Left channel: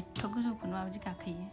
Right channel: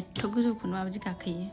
एथ' गोजौखौनो माबायदि गाखोयो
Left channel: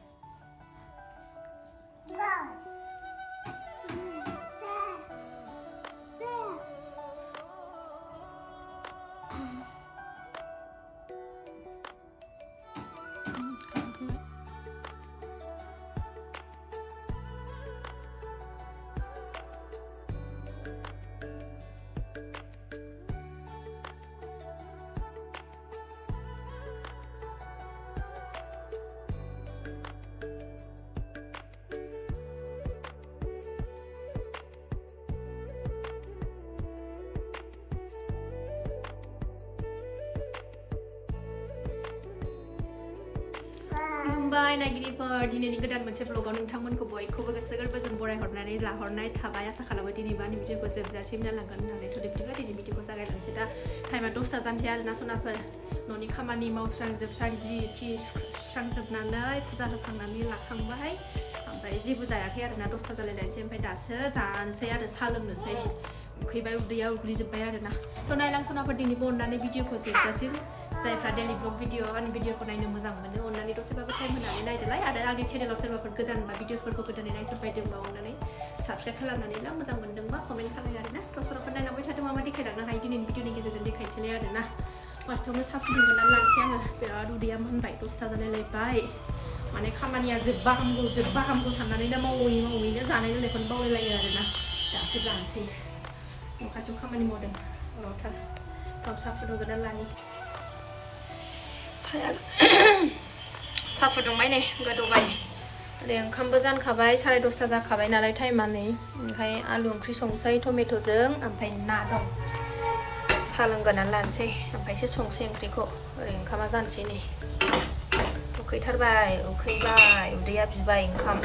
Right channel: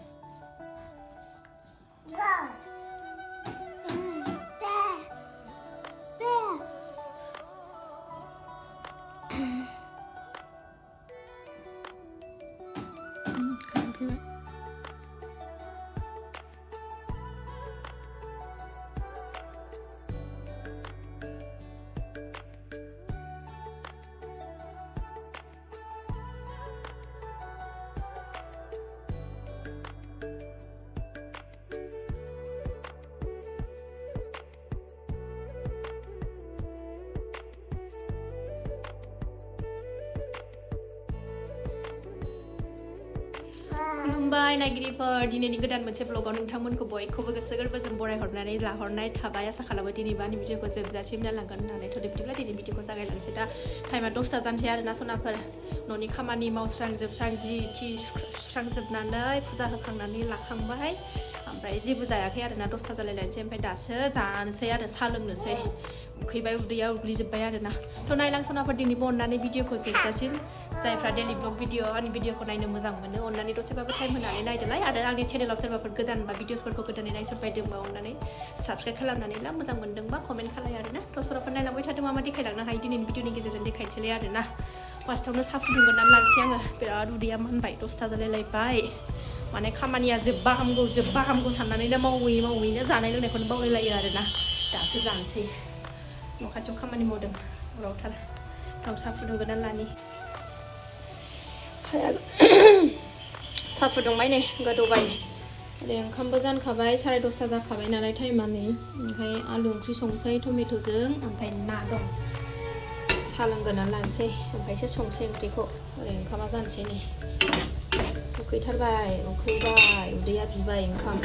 खुलुमबाय नायगिरिफोर दिनैनि गोदान मोनसे ब्लगाव नोंथांमोनखौ बयखौबो गोसो गोरबोजों बरायहरनानै लाहरनाय थाबाय आसा खालामो दिनैबो आंनि भिडिअखौ जोबजासिम नायलांगोन होननानै थ' बिदिब्ला दिनै भिडिअखौ जागायलांसै दा टाइमा 10ता जानसै आरोना सनाफोर न'नि खामानि मावस्रांजोबस्रां जि थि सुस्रांजोबनानै फुजा होखांनानै लाखांबाय ओमफ्राय जेबो जायाखै आरोना 10ता जालायलायनोसै ओमफ्राय दासो जानोसै आरो साहा लोंनोसै उखैबाय उदैया उग्लिजोब्बाय आरोना थ' नायलां सनाफोर दिनैबो अननानै भिडिअखौ जोबजासिम जायफ्रा डेलि ब्लग भिडिअ आंनि भिडिअखौ नायनो मोजां मोनो अननानै दसेबाबो टाइम होनानै नायदोलाय आरो आंनि चेनेलाव सोरबाफोर गोदान बा भिडिअसफोरखौ गोदानै नायसनबायदोंबा अननानै साबस्क्राइब खालामनानै ला मोजां मोनदोंबा कमेन्ट खालाय आरोना थ' सनाफोर नायलांबाय थादों मा देखायलांनो हायो दिनैनि भिडिअनि गेजेरजों देखायनोसैलाय आरोना फार्स्टआवनो साहा फुदुंगोरनानै लानोसै आङो बिराद उदैया मोनबाय 10ता जालायलायबाय माने खामानिया जोब्बा हामगौ साननानैनो मावैनो जानाय लोंनायखौनो बावलायलायो आरोना दासो जानोसै न' खाथियाव खामानि मावदों हरावथार थ' साहा फुदुंगोरनानै लानि साहा फुदुंबाय नै गोदौबाय ओरै ओंखामबो जानखाबाय 10:30 जाखाबाय नालाय टाइमा नै ओमफ्राय आलु ओंख्रि संसै टमेट'जों ओमफ्राय ना दं साहा लोंगोरनानै लानोसै ओमफ्रायसो संसै ओंख्रिखौ ओरै ओंखामा जानोसै नै उखैथारबाय उदैया बिबाय ओंखाम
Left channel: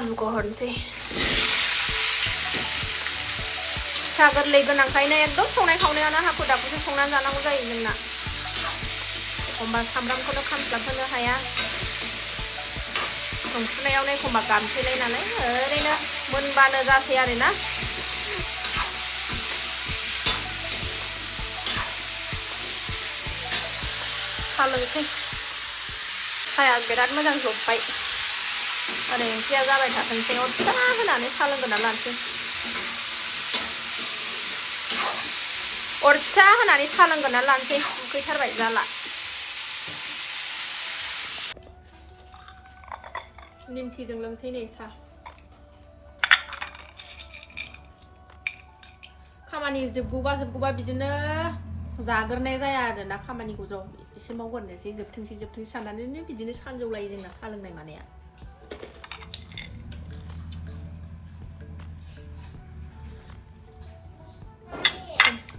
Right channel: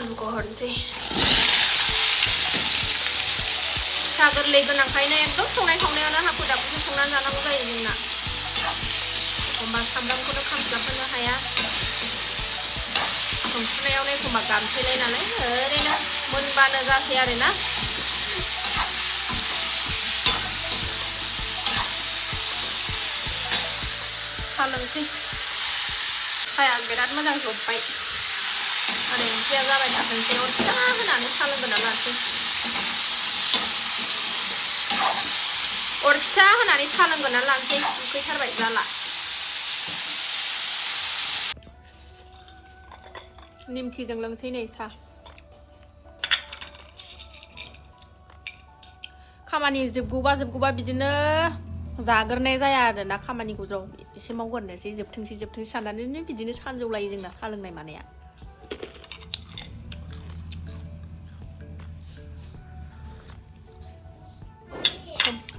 आलुखौ हरनोसै फिसा गोरलै गोनांखायनो एकदम संनाय खावनायावनो हाखु दाखुसो संनानै जानांगौ जायो जोंना एखमबा सामब्रामखौनो खामस्लाबहोनो हाया संफुनायावनो एखमबा गामसैलाय नालाय ओरैनो मोनबानो जासै आरोना साहा लोंसै साहाया बिराद मोजां जब्बाय ओरै ओंख्रिया जाबाय थाथोंसै अर फिसा होनानै साहा लोंगोरना लानोसै अर फिसा होनानै साहा लोंगोरना लानोसै उखैथारबाय जाला निमखिजों लोंसै नै साहा खामानि जोबगौबा बिदिनो जागोरनाय जाया आरोना खामानिखौ ज' एसे मावगोरनोसै जोबथोंसै साननानैनो बिदिनो सानजौलायो जोंना साहा लोंनाय मानाया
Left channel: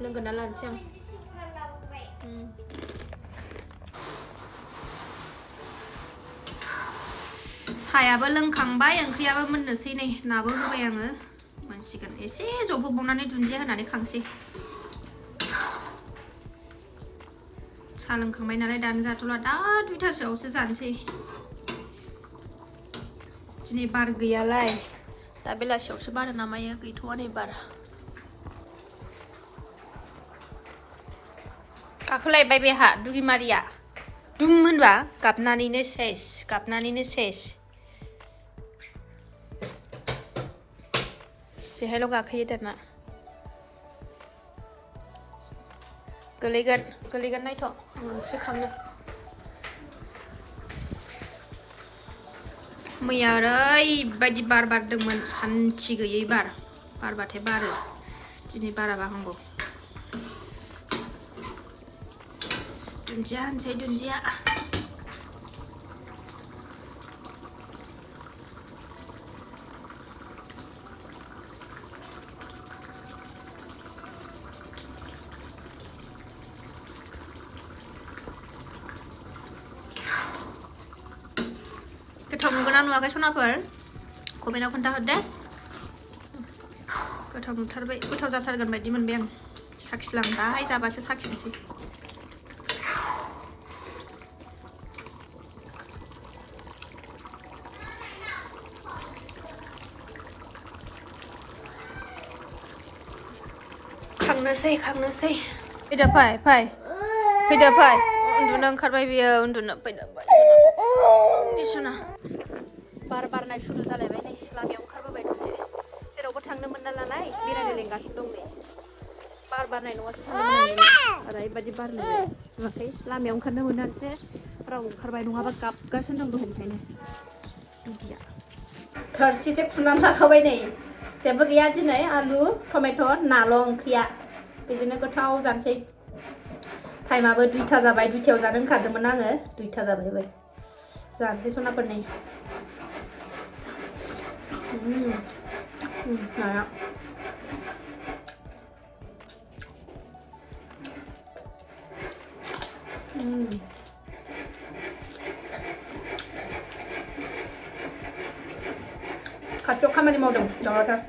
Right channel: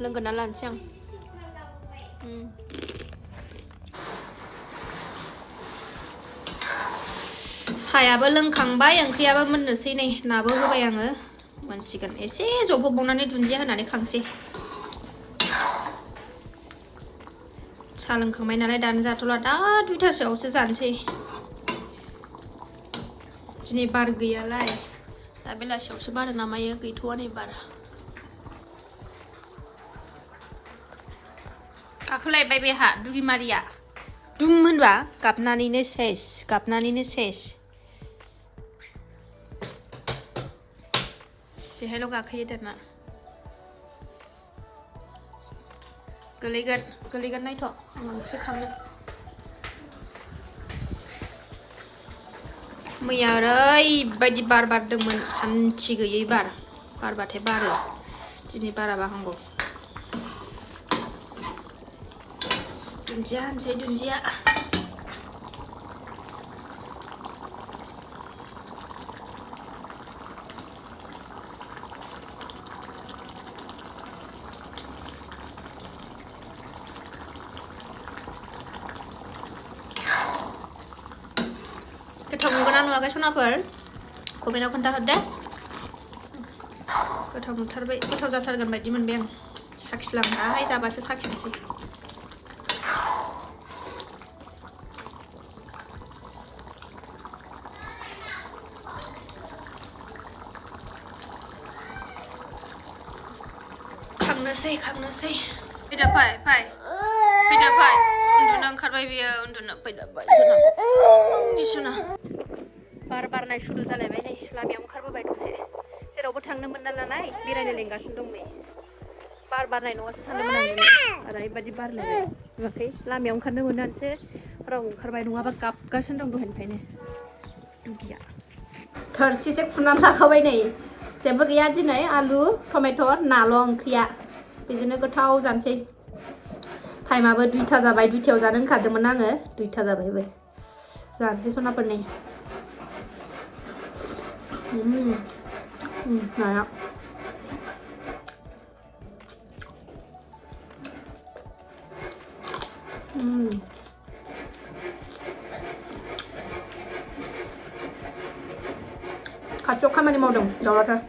लोंगोरना लानोसै आं साहायाबो लोंखांबाय ओंख्रियाबो मोननोसै नै नाबो होबाय आङो मोनसिगोन एसे जबहोबावनानै दुन्दिया होनानै खांसै साहा लोंखांबाय नालाय दानो जाथ'ला दा 2टासोआवसो जानोसै दिनै बार गैयालाय दा बेलासियावसो बारो नामायो गैथ'वा नै बार गाखोलायबाय बेहा दुगिमारिया दुम होनबा गाबनानैनो सेस बेहायल' गाखोयो दाना गोलैगोन नायथ' आं ओंख्रि खांनो मैया ओरैबायदि बार बारदोंमोन सान्थि गैयै बारबाथाय बारो दिनै बाराबा हामगौ दुन्दिया होनसै दुन्दिया नुगोना नुवाखै सनाफोर कमेन्टआव खोन्थाहरदे गोथाव नुथारबाय गोथाव जाथारगोन बायदि मोनबाय आं साखिलां दाहाय जाबासो साखिनोसै खांनोसै फैदो फै उन्दुनो ओंखारबाय बियो उन्दुनो फैदो सना बार बारनाय सुरु जालायबाय नै लामायाव ओंखारबोबाय दसे जेरावबो थांनो मोनना लानाय बेरायनो लेंगासिनो दं नै बार बारनाय नङासो सानदोंमोन आं ओरैबायदि बारनाय नुवाखै लामायाव ओंखारनो मोननानैसो राव ओंखारबाय नङाबा गाबगासिनो दं दहायनिफ्रायनो दुगिया थोरसिसो खुनानै लाखाबाय नै जेबो गैया दिनै आलु टमेट' नाल' ओंख्रिया बेजोंनो गोथाव जानोसै टाइमाबो 2टा जाबाय 2टायाव जानो ओंखारदोंमोन आङो 2टा जाबायबो जानोसै सनाफोरनि नाया खाथियाव खामानि मावदों दावरावथार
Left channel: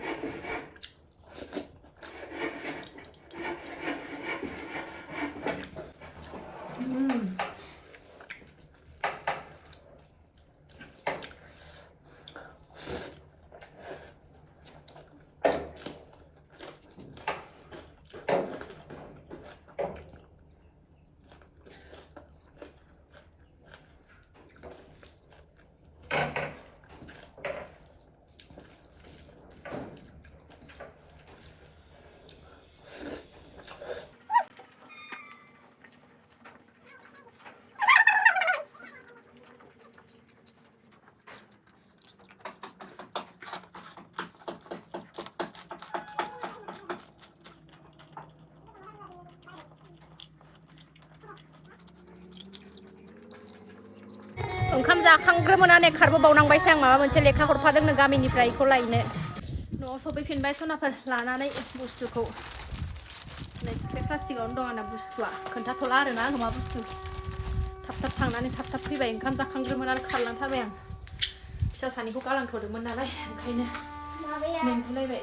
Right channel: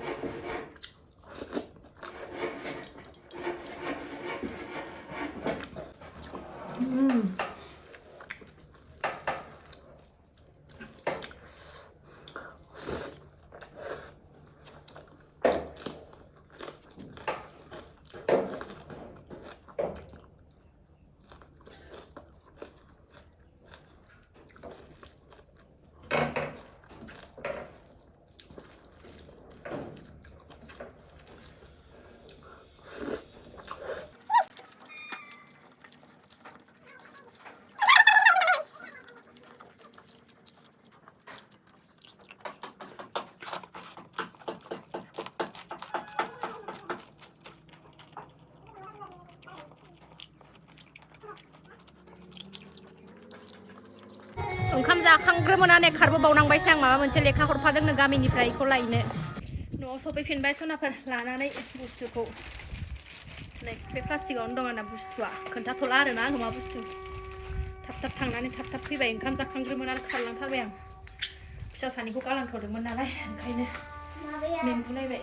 ओंखाम जाखांग्रोमोनानै खारबोबावनांबायसो आं माबा मोनसे लेखा हरफादोंनो गामिनिफ्राय बेखौ लायनो न'आव सफैफिनबाय सनाफोर लानानै बुस्थुखौ नै बे प्लास्टिकआवनो दं आंना बुस्थुआ खोन्थाथ'ला आरोना आङो मा बुस्थु थाब थांनानै थाब फैबाय ओंखाम जाखांग्रोमोनानै खारलांथारबाय आं फिसा सानैखौ गालांथ'दोंमोन नालाय ओंखायनो मेंगुलायबाय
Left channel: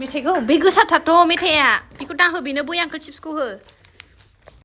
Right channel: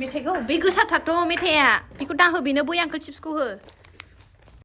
मेथाइखौ बे गोसाथारथ' मेथाइआ बेखौ दाहो बेनो बै आंखोल चिप्सखौ हो